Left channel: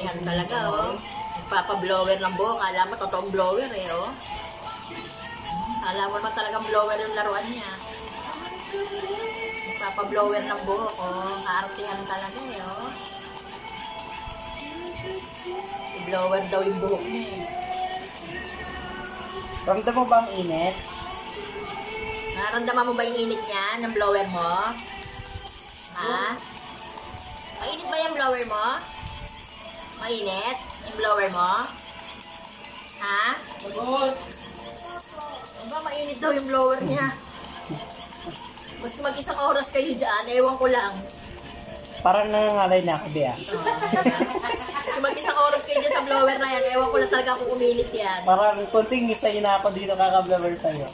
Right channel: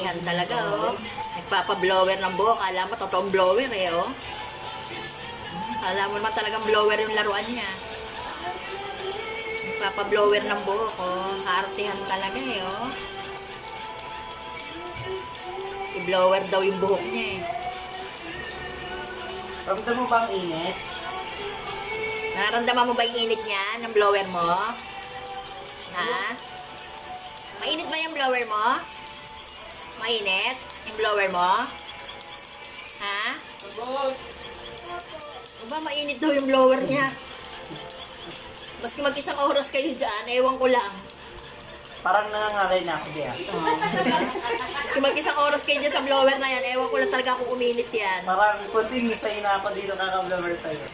artihan talaga, oh. Nagpapa-blower ng buhok. Alam mo, totoong blower, eh, oh. Alam mo naman talagang blower yung laruan niya. Nagpapa-blower ng buhok, oh. Artihan talaga, eh, oh. I-blower daw yung buhok niya, eh. Ramdam mo ba ang init? Naramdaman mo ba yung init niya ng blower mo? Ha? Mainit ba yung blower mo? Mainit? Yung blower mo? Ha? Sagot! Aba, mainit daw yung blower niya. Maski mag-isang oras kayo dyan, ewan ko lang. Parang nangangalay na ako, Bea. Maski mag-isang oras kayo dyan sa blower na yan, ewan ko lang talaga kung umilit yan. Parang kunting misay na ako dito kakablower sa'yo.